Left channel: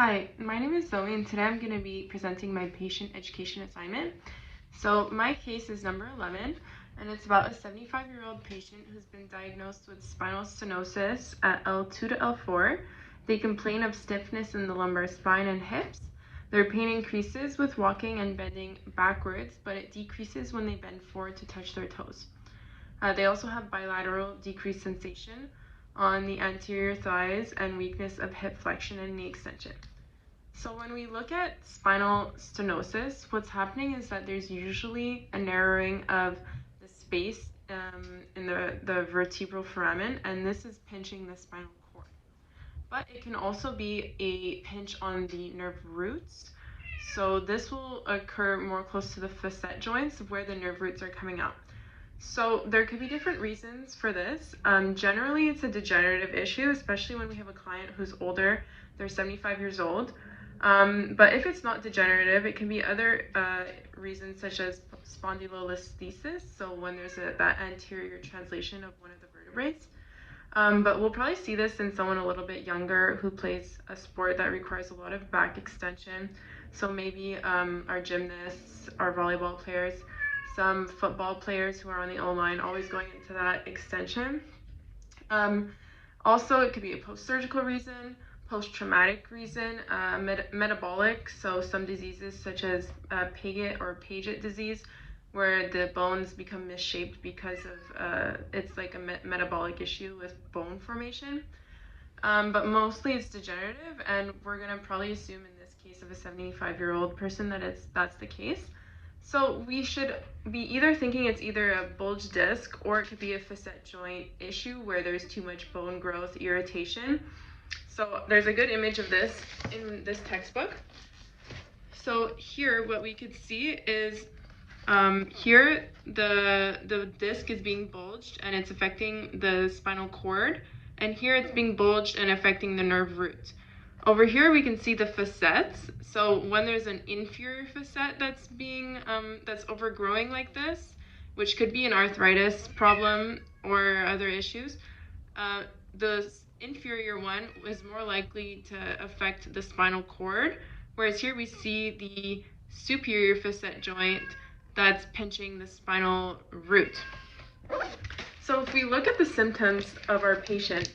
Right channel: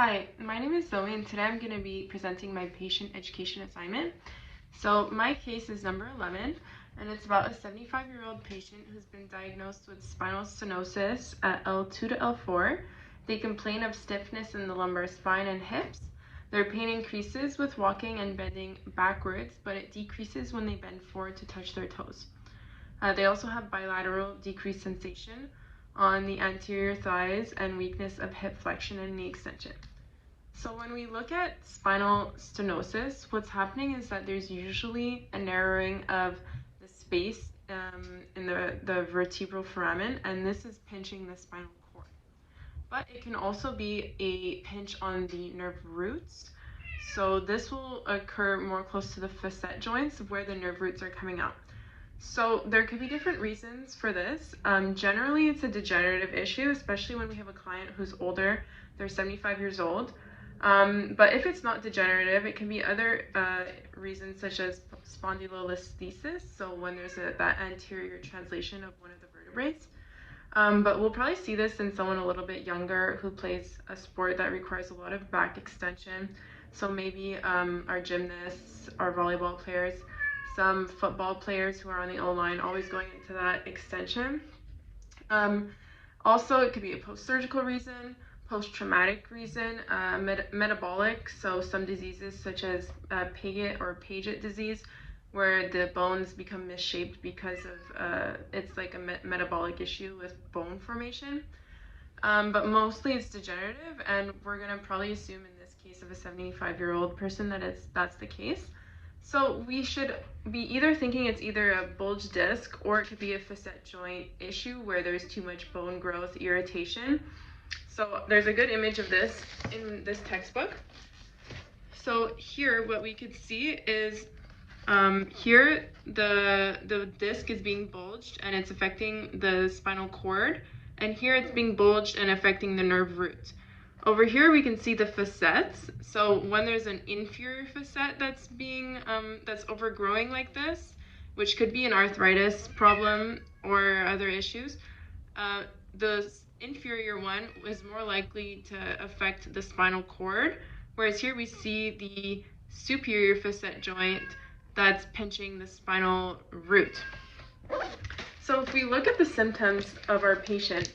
Hi, my name is Zoe, and today I'm going to be presenting my patient education assignment. So my case is number 11, and it's about a 75-year-old patient who's been diagnosed with spinal stenosis at L2 to L4. They complain of stiffness in the lumbar spine and hips. Their pain increases with walking and bending backwards, but it decreases when they bend forward to touch their toes. They also have bilateral decreased sensation on the anterior thighs and weakness of hip flexion and knee extension. So when we look at spinal stenosis, what's happening is that there's usually a narrowing of the space in the vertebral foramen, and this is pinching the spinal cord. But it can also be a pinch on the nerve roots. So this will occur more close to the facet joints where the nerve roots are coming out. So there could be different reasons for this. Generally, it's a degenerative issue, especially when we have a client who's older, they're 75 years old. But if it's not degenerative, it can be other reasons such as spondylolisthesis, so when there's that anterior translation of one of the vertebrae. But we'll probably see this in someone a little bit younger who plays a sport that requires a lot of back extension. So maybe our gymnasts, our volleyball players, some football players who are on the O-line, always going into that extension. Also, it could be a post-surgical reason, post-traumatic reason, metabolic, so some diseases such as Paget or Paget disease, where the bones become misshaped because of it's like a metabolic issue with bone formation. But mostly it's degenerative, and we're going to probably assume in this case of a 75-year-old person that that's the case. So we should be either thinking it's either a bulge disc or it could be a facet joint issue where there's too much bone growth irritation. So there's a good image of this in this textbook. So here what we could see is here the disc is being bulged and it's affecting the spinal cord, and here it's being bulged and affecting the nerve roots. Over here we can see the facets. So when there's an inferior facet that's being that's overgrowing like this, which could be an arthritis problem or other issues, the inferior one is more likely to affect the spinal cord, whereas here we see the superior facet joint that's pinching the spinal root. So if we look at the symptoms of our patient,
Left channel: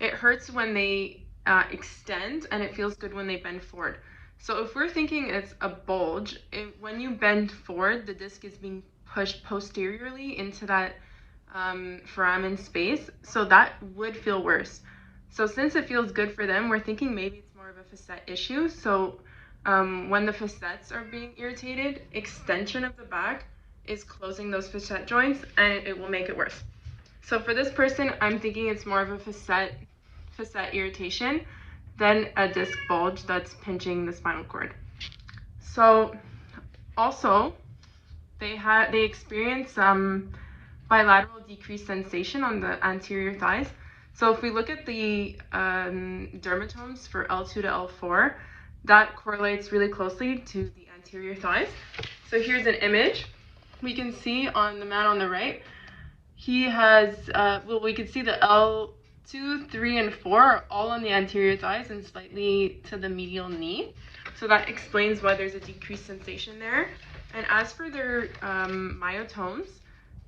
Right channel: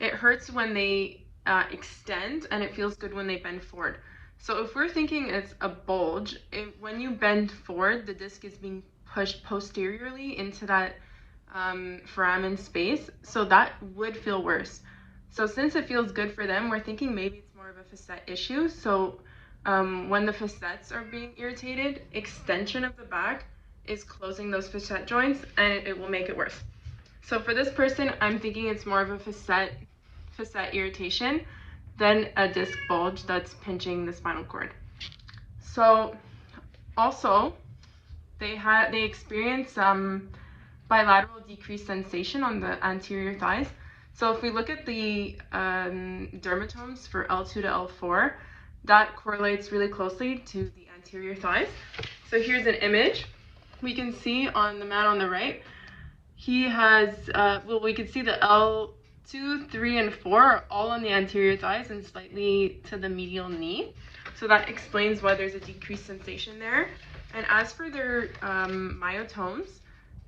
it hurts when they extend, and it feels good when they bend forward. So if we're thinking it's a bulge, when you bend forward, the disc is being pushed posteriorly into that foramen space, so that would feel worse. So since it feels good for them, we're thinking maybe it's more of a facet issue. So when the facets are being irritated, extension of the back is closing those facet joints, and it will make it worse. So for this person, I'm thinking it's more of a facet irritation than a disc bulge that's pinching the spinal cord. So also they experience bilateral decreased sensation on the anterior thighs. So if we look at the dermatomes for L2 to L4, that correlates really closely to the anterior thighs. So here's an image. We can see on the man on the right, he has, we can see the L2, 3, and 4 are all on the anterior thighs and slightly to the medial knee. So that explains why there's a decreased sensation there. And as for their myotones,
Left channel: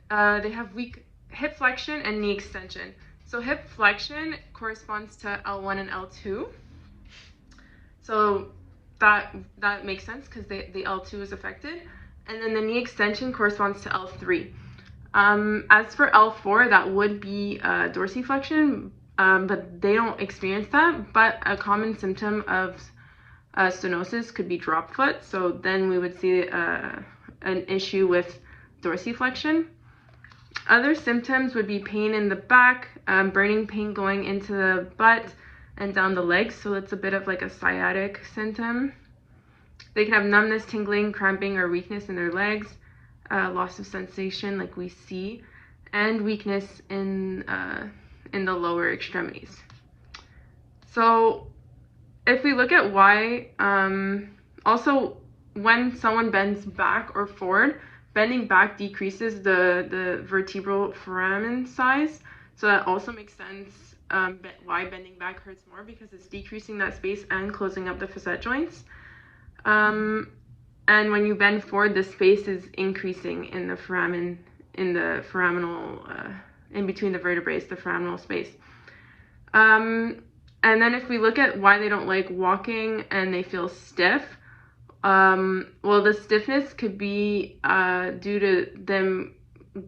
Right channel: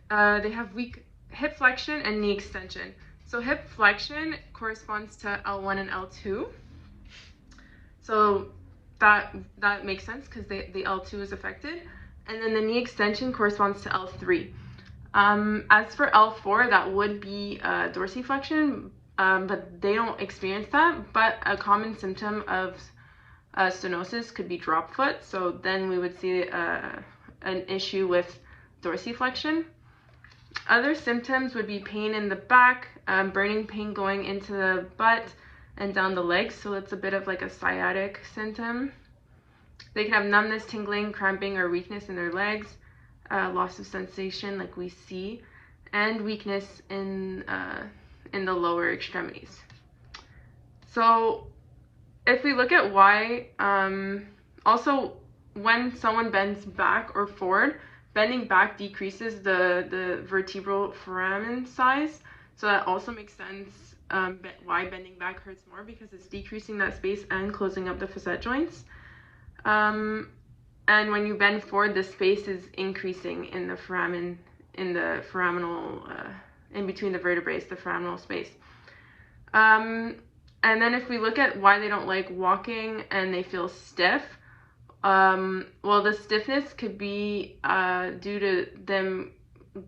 they have weak hip flexion and knee extension. So hip flexion corresponds to L1 and L2. So that makes sense because the L2 is affected. And then the knee extension corresponds to L3. As for L4, that would be dorsiflexion, but they don't experience that. But a common symptom of stenosis could be drop foot. So then we would see an issue with dorsiflexion. Other symptoms would be pain in the back, burning pain going into the butt and down the legs. So it's a bit of like a sciatic symptom. They can have numbness, tingling, cramping, or weakness in their legs, loss of sensation like we see, and weakness in the lower extremities. So if we look at why, also when someone bends back or forward, bending back decreases the vertebral foramen size, so that also makes sense why bending back hurts more, because it's decreasing that space and closing up the facet joints. And when you bend forward, the space is increasing in the foramen, in between the vertebrae, the foraminal space. And then if we look at why they don't like walking and they feel stiff, well, the stiffness could be due to them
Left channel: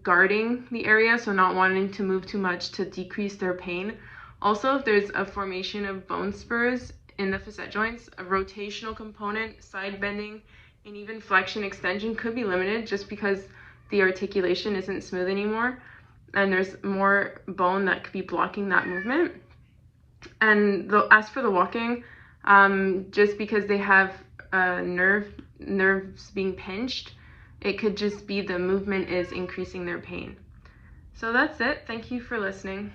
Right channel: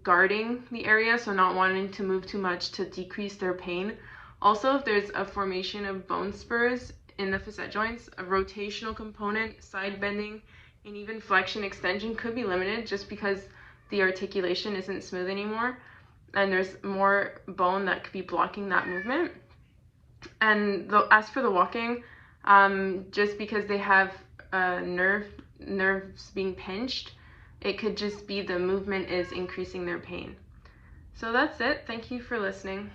guarding the area, so not wanting to move too much to decrease their pain. Also, if there's a formation of bone spurs in the facet joints, a rotational component, side bending, and even flexion extension could be limited just because the articulation isn't smooth anymore, and there's more bone that could be blocking that movement. And as for the walking, just because they have nerves being pinched, it could just be the movement is increasing their pain. So that's it. Thank you for listening.